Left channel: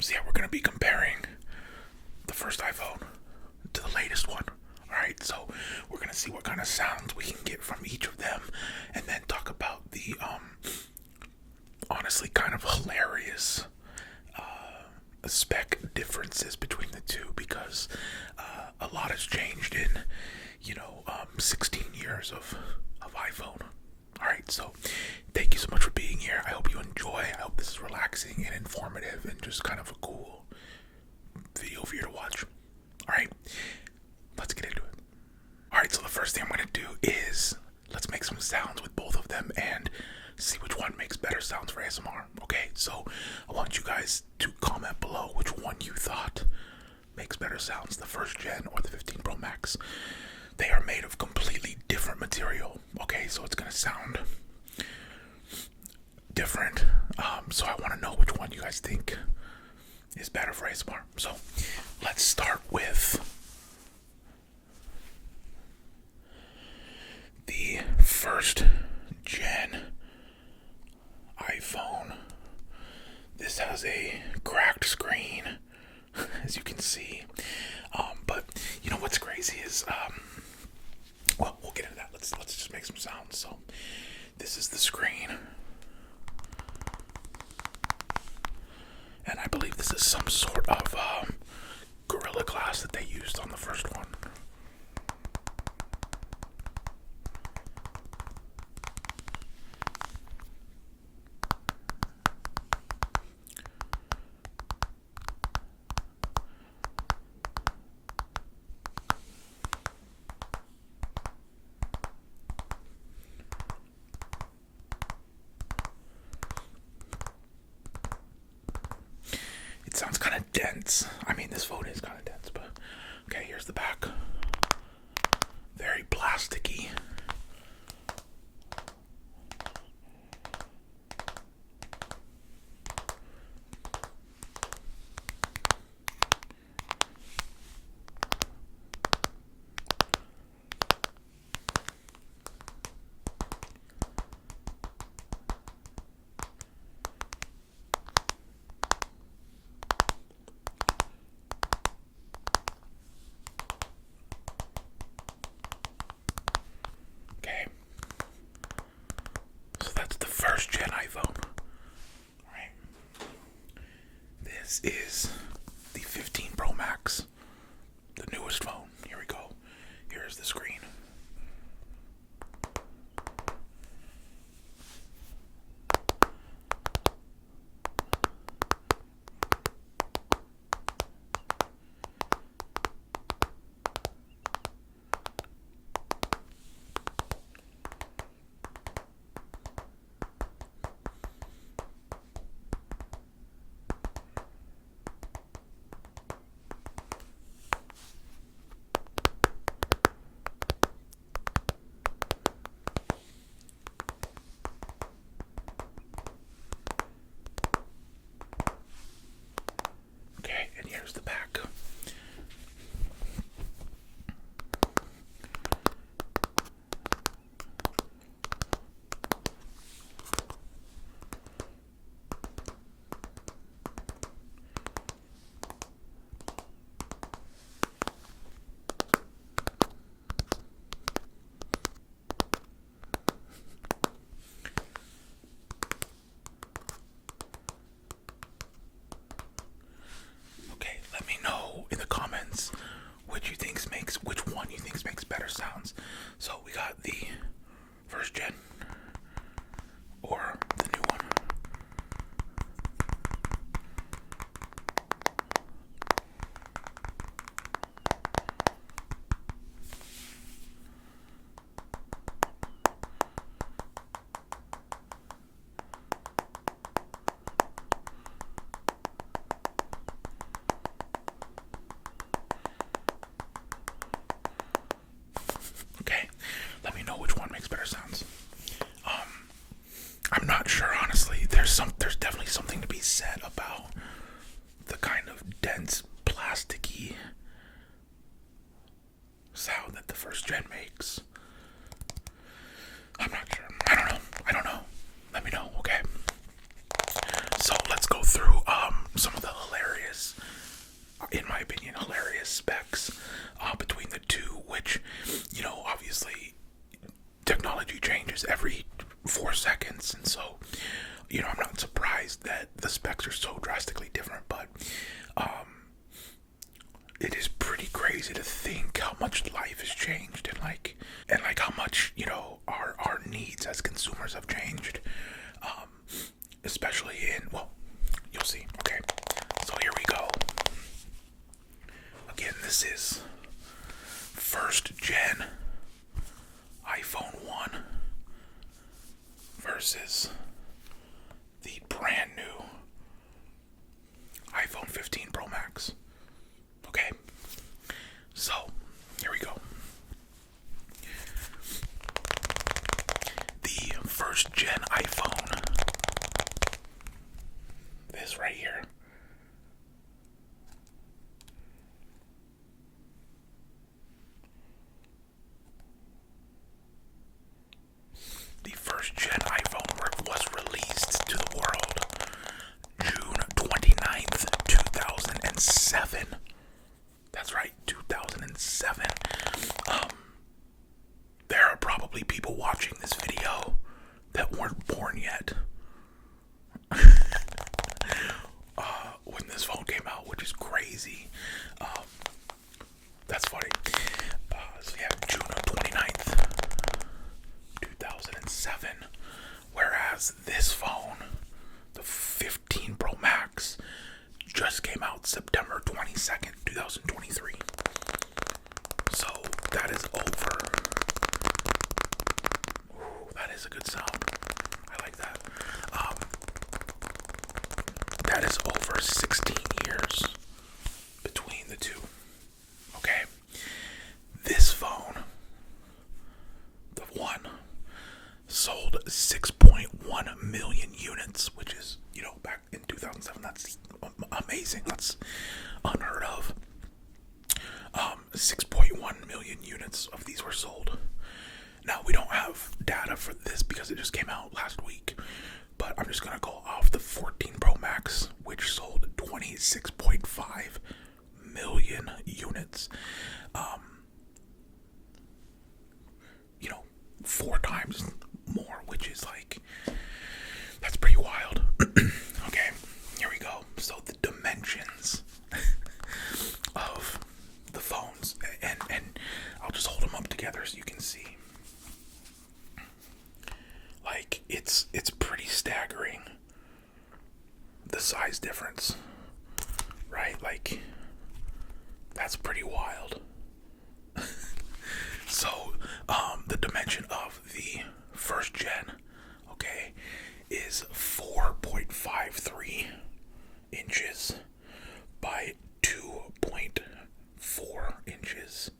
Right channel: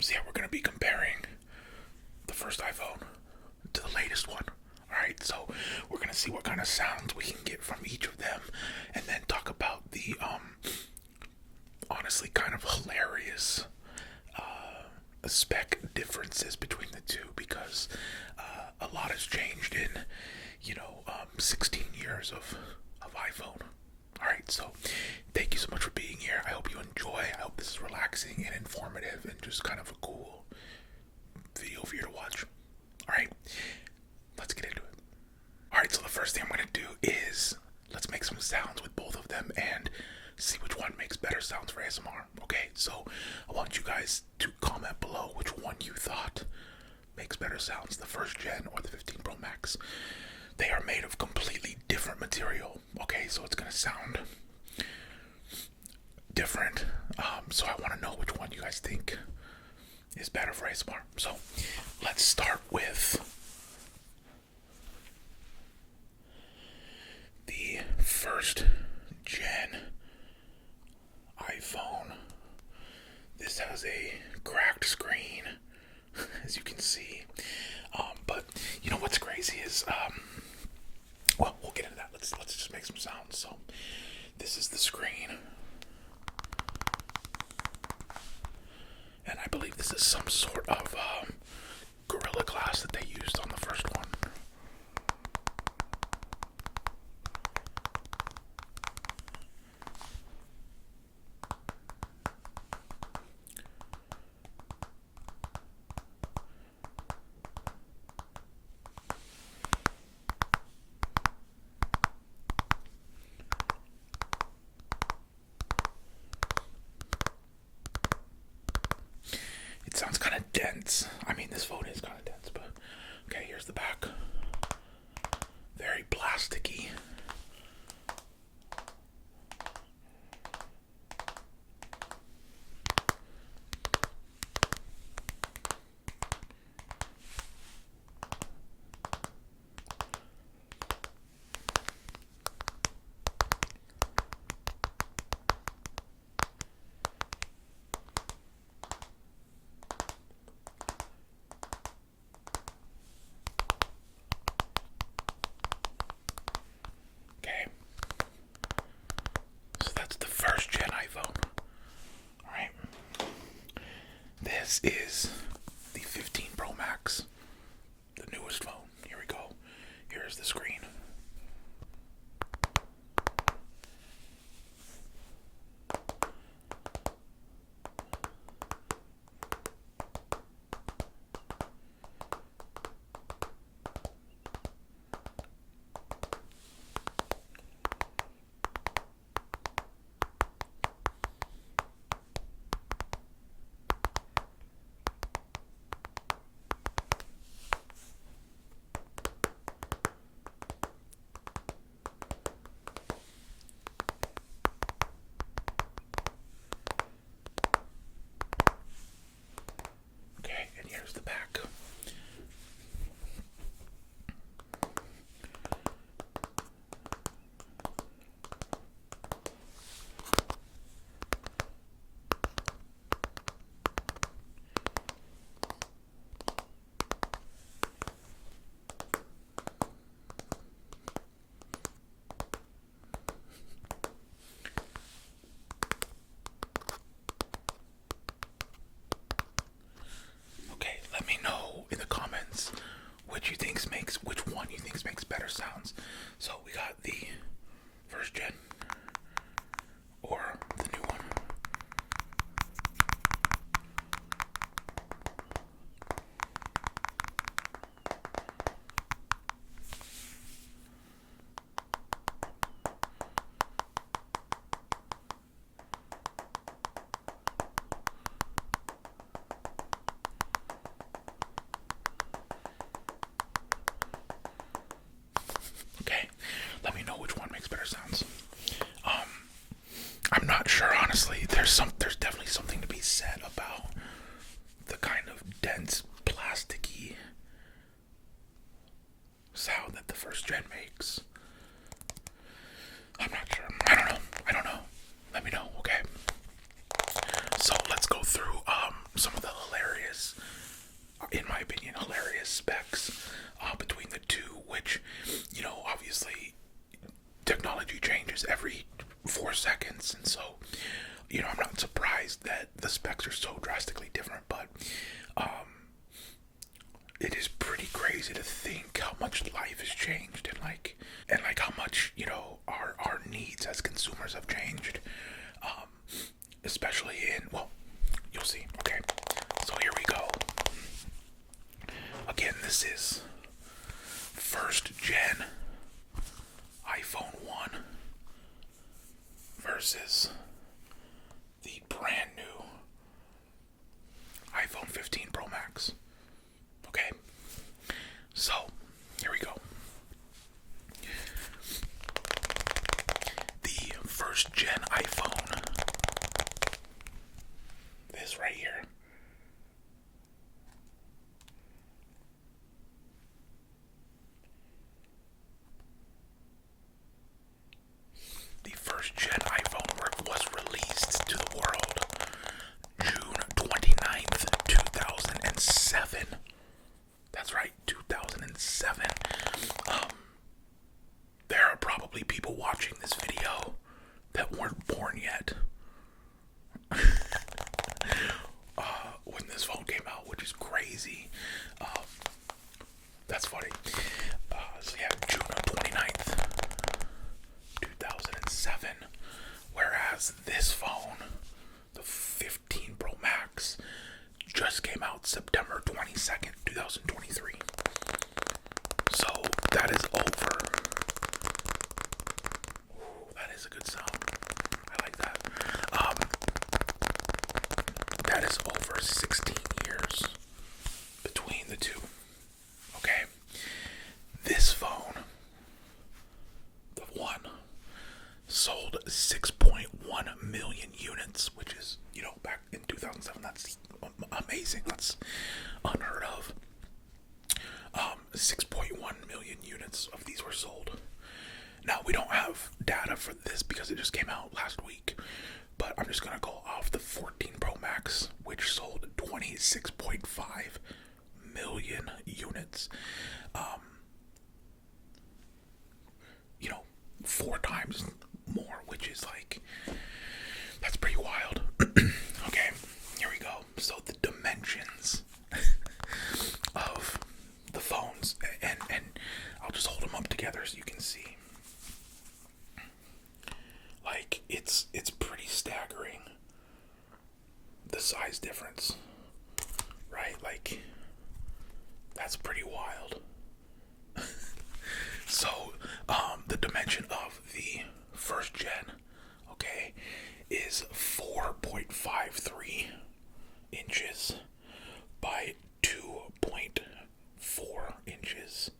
So yeah, we're gonna be comparing the first iPhone to the latest one. Alright, so we're gonna see what kind of sounds we can get from each of them, and then talk about the honestly kind of hilarious spec differences between the two, because a lot has changed in 16 years of iPhone. Alright, so thank you so much for being here. I hope you enjoy. I hope this is relaxing and informative and just kind of a cool video for you to watch. Alright, let's get into it. Alright, so the first thing I'm going to do is let's make some sounds with both of them and see which one makes better sounds for ASMR. Okay, so I want you guys to comment below which one you thought makes better sounds, the first gen or the 15 Pro Max. They are made of completely different material, okay, so it's going to sound different. So I want to know which one you guys think is better for ASMR. So let's start with the first gen iPhone. This has a cracked screen, as you can see. But you know what's crazy is, well, we'll get into that. Let's just make some sounds. So this is the screen, and I believe this is some sort of Gorilla Glass that they used on the first one. It sounds kind of dense. I mean, this phone is kind of dense, but okay, here's the back. Very plasticky. First gen iPhone. Alright. This is the 15 Pro Max, the newest phone. Here we go. Here's the screen. drastically different, but it is pretty crazy to think how much life has changed and like how much, you know, our needs as consumers have changed. Especially in, well, you'll see. Okay, so here we go. Again, this is first gen iPhone 1 versus the brand new iPhone 15 Pro Max. Okay, so here we go. The first gen iPhone, this right here, the first gen iPhone was released to the world June 29th, 2007. That's right, 2007. There are probably people watching this video that weren't born yet when this phone came out, which is crazy. That's funny. So yeah, June 29th, 2007. Whereas this phone, the 15 Pro Max, just came out September 22nd, 2023. So that is over. Ooh, that is a good sound. I like that. That is over 16 years between the two. Okay. This phone, the one, sold 6.1 million units, which is, you know, back in 2007, that's amazing. That's unheard of. 6.1 million units of these were sold. Now, we don't have data for this because it just came out last week, but I'm just going to go off the 14 Pro Max, which sold 26.5 million units. You know, 4 times more, which is like, that's pretty wild. Okay, here we go. So the dimensions of the phones, and I'll just hold them up together so you can see. Like, it's pretty staggering, the size difference, right? Like, that's pretty wild. So, the dimension of the first gen, okay, is 4.53 inches by 2.4 inches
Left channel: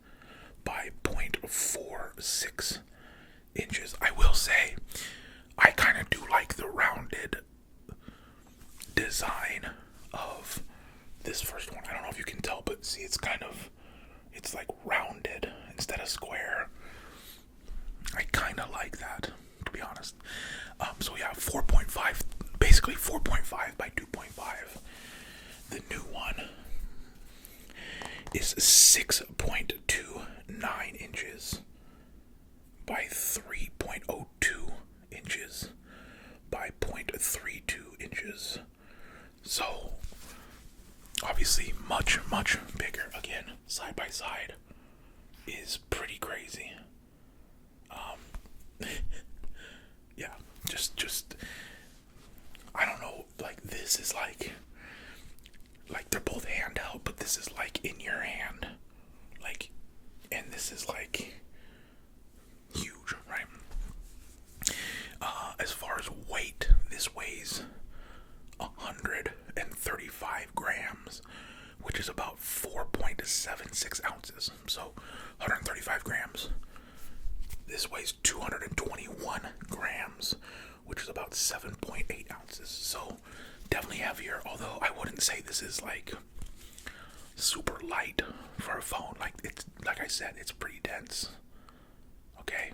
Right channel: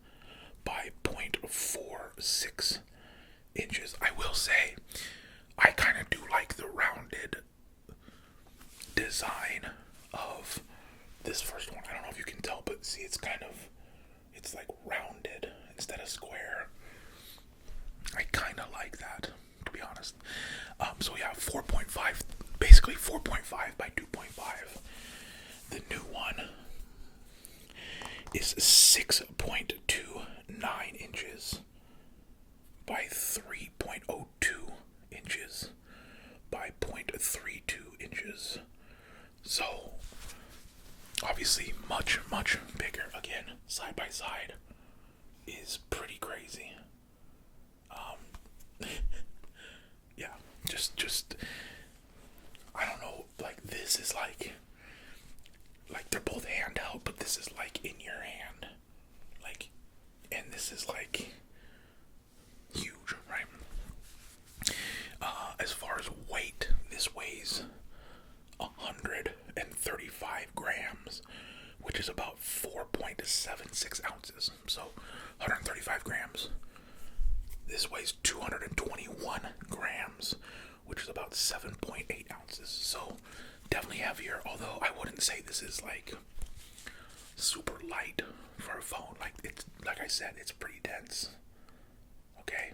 by 0.46 inches. I will say, I kind of do like the rounded design of this first one. I don't know if you can tell, but see, it's like rounded instead of square. I kind of like that, to be honest. So yeah, 4.5, basically 4.5 by 2.5. The new one is 6.29 inches by 3.02 inches by 0.32 inches. So, obviously much, much bigger. Again, side by side is pretty crazy. Yeah, just, I don't know, like, this is like they're both handheld, but this is like in your hand, like, and this is like huge, right? As far as weight, this weighs 135 grams, which is about 4.76 ounces. So 135 grams. This weighs 221 grams, which is about 7.8 ounces. So definitely heavier, although I wouldn't say this is like super light for a phone. Like, it's, like I said, it's pretty dense. Okay.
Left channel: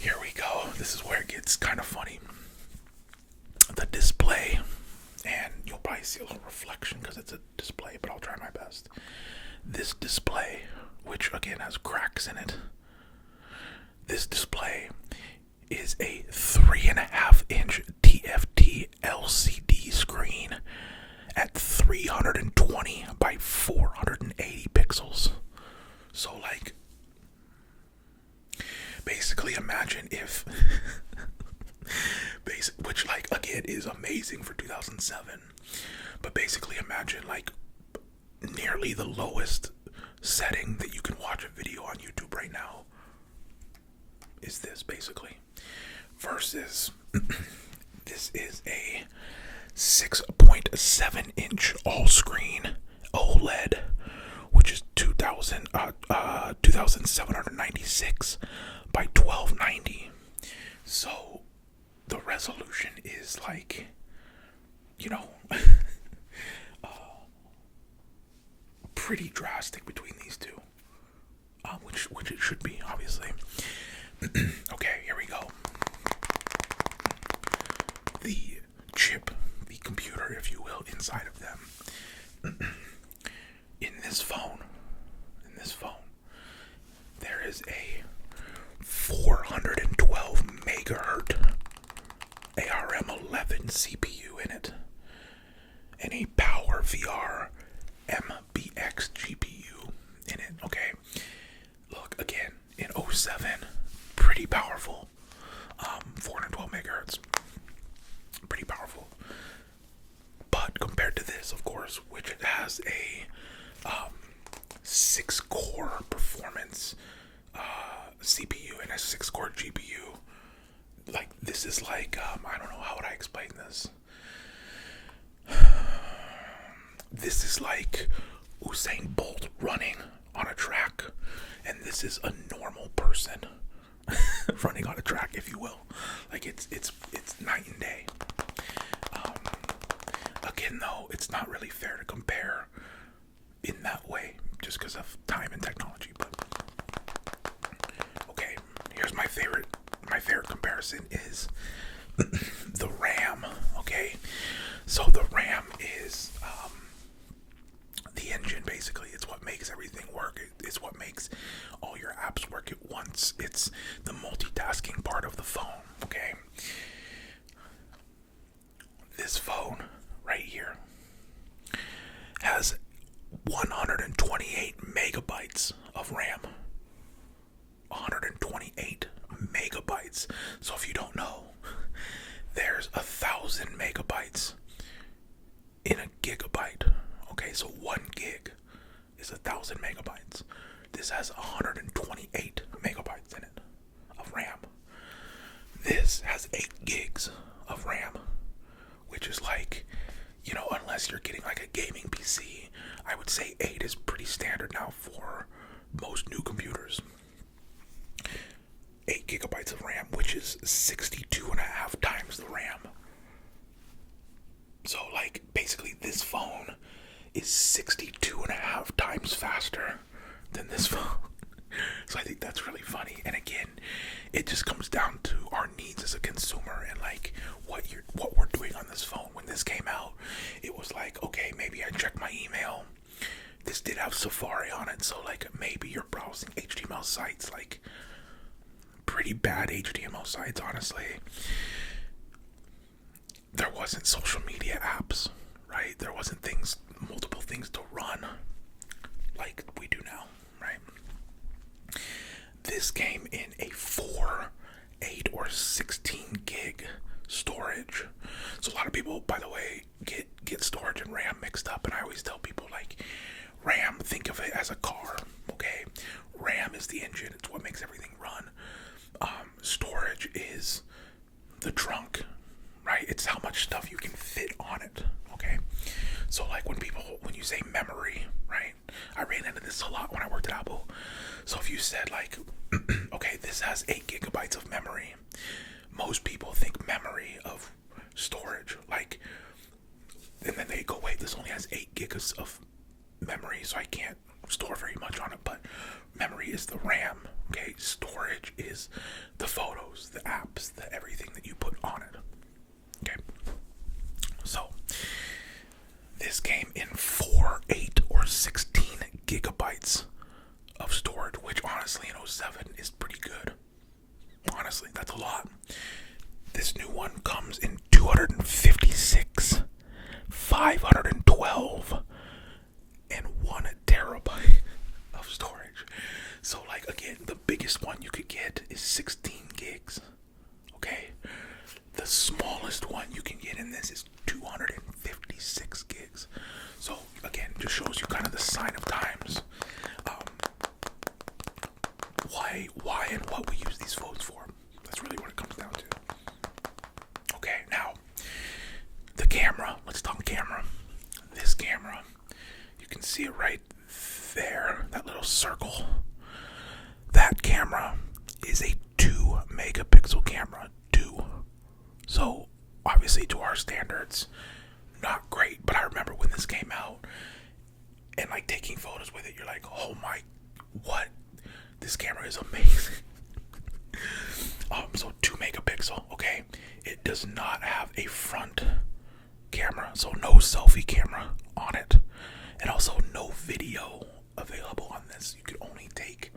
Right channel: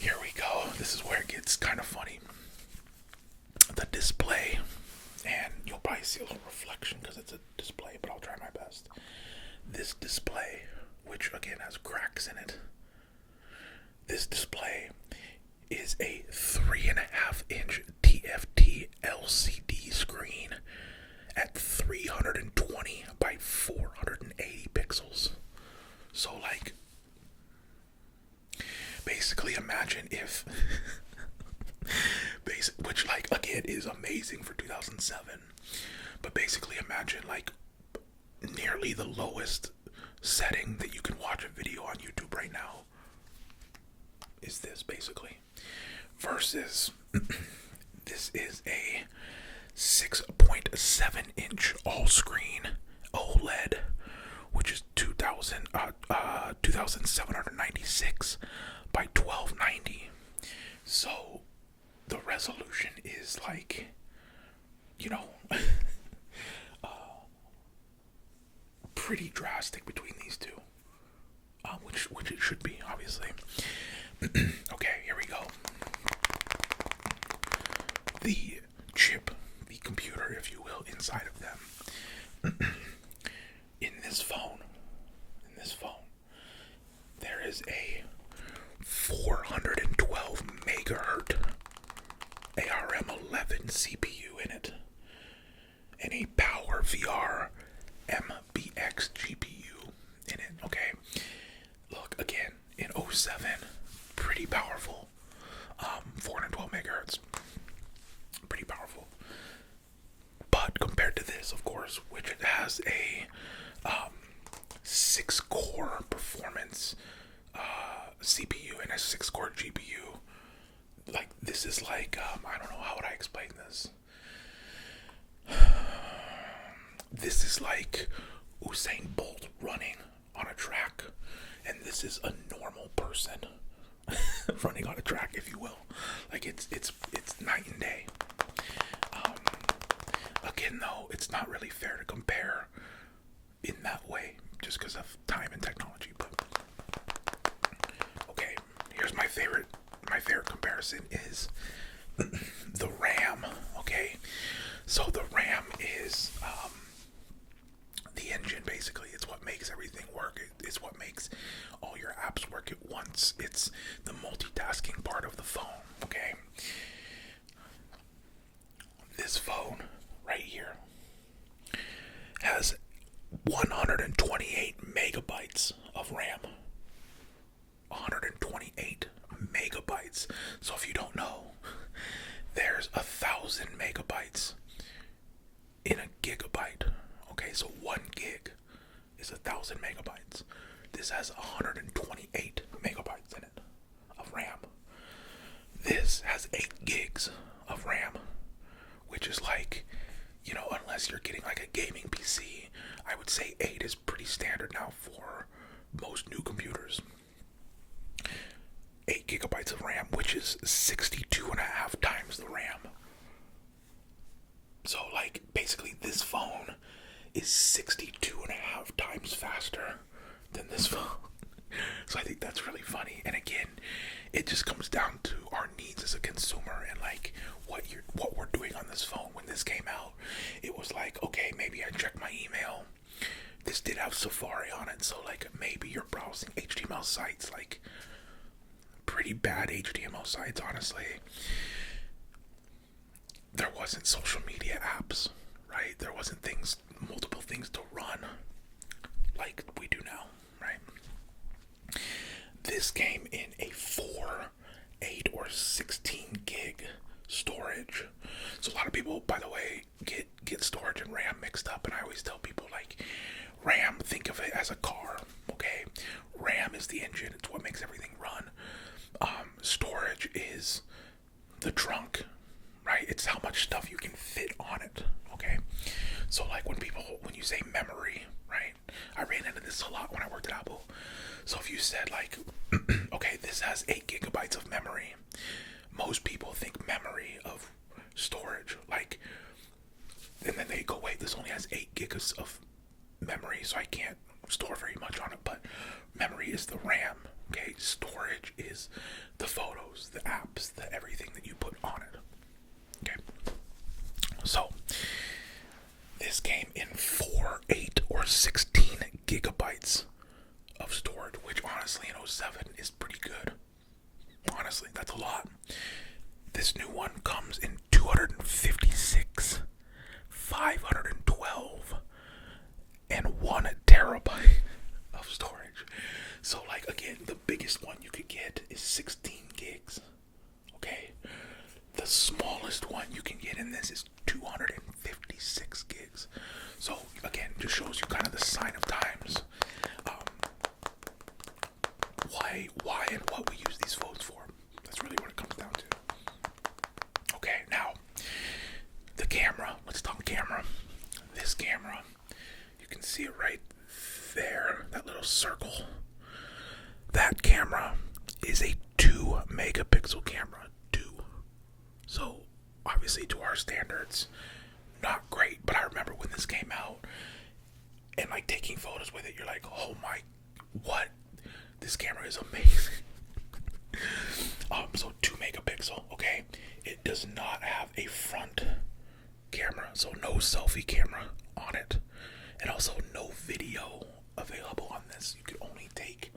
Here we go. This is where it gets kind of funny. The display, and you'll probably see a little reflection because it's a display, but I'll try my best. This display, which again has cracks in it, this display is a 3.5-inch TFT LCD screen. 420 by 480 pixels. So like, basically imagine if, which like again is amazing for 2007, but basically imagine like nearly the lowest setting that you can watch a video on YouTube right now is this basically, versus this is a 6.7 inch all screen OLED, which is 2796 by 1290. So the resolution is like, you know, pretty drastic between these two, which it should be, obviously. Okay, here we go. The chip, the computer, if you will, inside of them. In this phone, there is a 412 megahertz ARM11 CPU in it, and a Power VR MBX GPU in it. Okay, look again in 07, pretty powerful. 412 megahertz, pretty powerful. But compared to this, of course, which it has a 6-core performance CPU and a 6-core GPU. Like, this is like, I don't know, how would I explain this? This is like Usain Bolt running on a track, and this is a normal person running on a track, if you will. Like, it's night and day. Again, though, it's not really fair to compare in that way, just because of time and technology. But okay, here's my favorite comparison is the RAM. Okay, so the RAM is the engine, basically. It's what makes everything work. It's what makes all your apps work at once. It's the multitasking part of the phone. Okay, this phone right here has 128 megabytes of RAM. 128 megabytes. So if you don't know, there's 1,000 megabytes in a gigabyte. Okay, so 1 gig is 1,000 megabytes. This has 128 megabytes in it of RAM. This has 8 gigs of RAM, which is like, you know, unless you're getting like a gaming PC, I would say 8 is pretty standard now for most new computers. 8 gigabytes of RAM, which is 62.5 times the RAM. So like, basically this phone is 62.5 times faster than this phone. So I think that's really funny. And again, it just comes down to our needs as a consumer and like what we're doing on this phone. When this came out, it was like, okay, maybe I check my email. This did have Safari on it, so like maybe you're browsing HTML sites, like pretty bad HTML sites, honestly. There wasn't social media apps, right? There wasn't multiple things to run like we do now, right? This came in a 4, 8, or 16 gig storage. So a lot of people, by the way, get storage and RAM mixed up, and I always tell people, like, RAM, think of it as a car, okay? RAM is the engine, it's what makes everything run. Storage is the trunk, right? It's how much stuff you can fit on it, okay? So like when you say memory, right? I ran into this a lot when I worked at Apple. So if you said like, okay, this has 8 gigabytes of memory, most people think memory of storage, like, and then they go, wait, this only has 8 gigas of memory, so I can't store very much on it. But memory is the RAM, okay? Storage is the photos, the apps, the everything that you put on it, okay? So this came in 4, 8, or 16 gigabytes of storage, which honestly in 07 is pretty good. Honestly, that's a lot. This new one comes in 256, 512, could get is 16 gigs. Okay, the smallest one you can get in this is 256 gigs. So again, just shows you kind of the sign of times. Why and what we use these phones for. That's really what it comes down to. Okay, now the camera. Let's talk camera. This camera, you can see it right there, that little circle. That camera is a 2 megapixel camera. 2. So obviously to our standards, not great, but I remember when this came out and like taking photos with it, you're like, oh my, what? This camera is amazing. So 2 megapixel, okay? It does not have a front camera, so no selfie camera on it, and also no video available on this. You could only take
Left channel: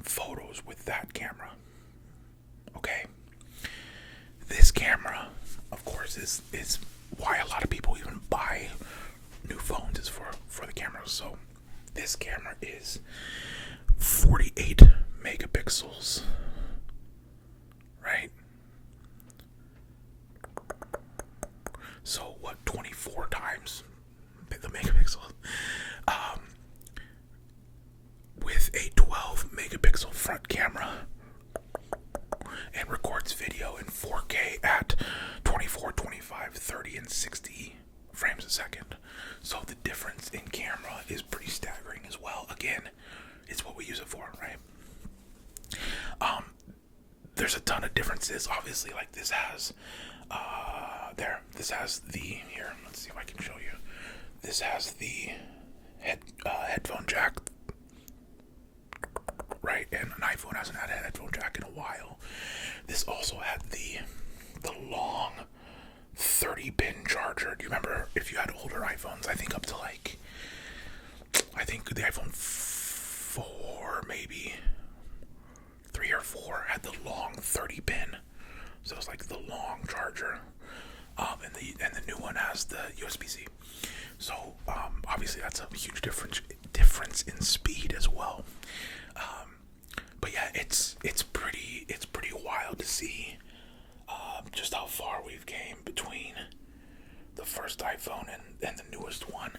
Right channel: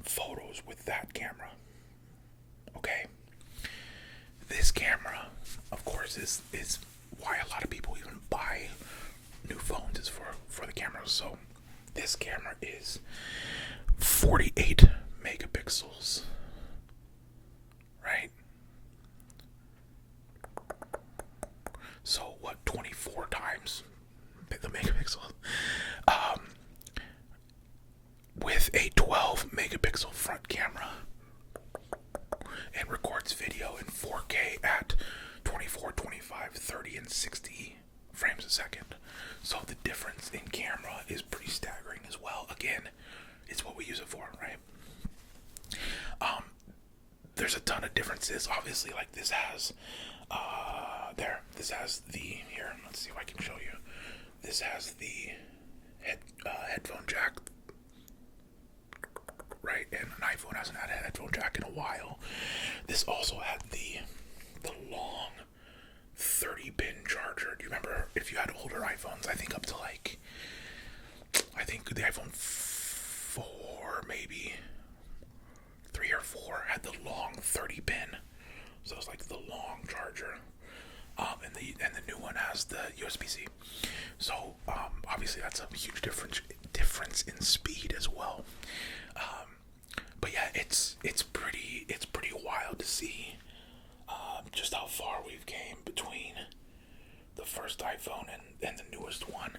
photos with that camera. Okay? This camera, of course, is why a lot of people even buy new phones, is for the cameras. So this camera is 48 megapixels, right? So what, 24 times the megapixel, with a 12 megapixel front camera, and records video in 4K at 24, 25, 30, and 60 frames a second. So the difference in camera is pretty staggering as well. Again, it's what we use it for, right? There's a ton of differences. Obviously, like this has, this has the, here, let's see if I can show you. This has the headphone jack, right? And an iPhone hasn't had a headphone jack in a while. This also had the long 30-pin charger. Do you remember if you had older iPhones? I think up to like, I think the iPhone 4, maybe 3 or 4 had the long 30-pin. So it's like the long charger. And the new one has the USB-C. So obviously that's a huge difference in speed as well. But yeah, it's pretty wild to see just how far we've came between the first iPhone and the newest one.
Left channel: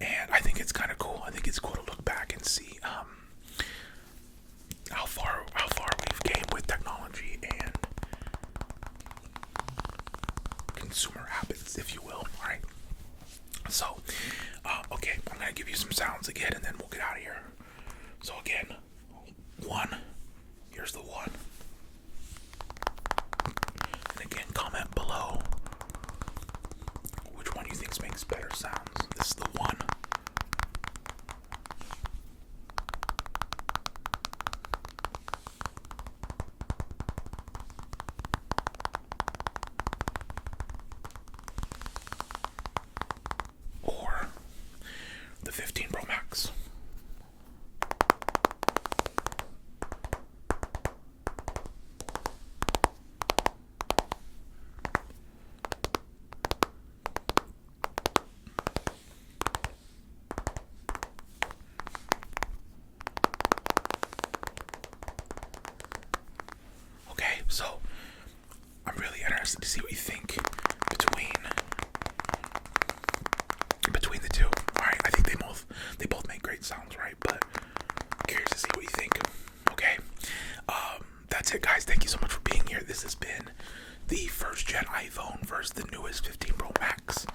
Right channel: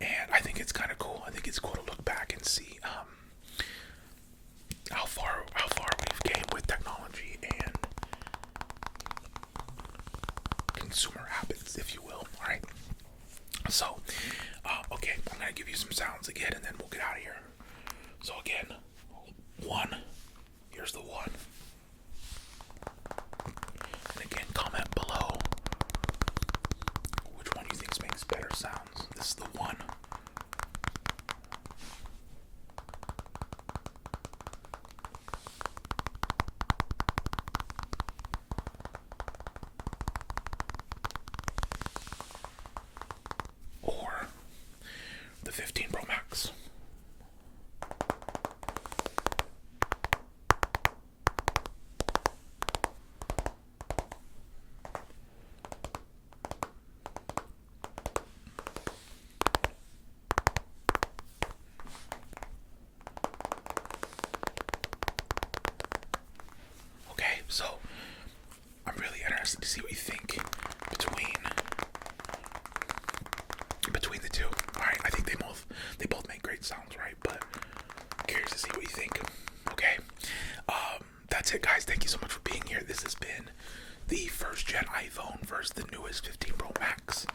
And I think it's kind of cool. I think it's cool to look back and see how far we've came with technology and consumer habits, if you will. All right. So, okay, I'm gonna give you some sounds again, and then we'll get out of here. So again, 1. Here's the 1. And again, comment below which one you think makes better sounds. This is the 1. Or the 15 Pro Max. Okay, so I'm really interested to see what you think between the two. Alright, I think they both make great sounds, right? But curious to see what you think. Okay. That's it, guys. Thank you so much for being here. This has been the first gen iPhone versus the newest 15 Pro Max.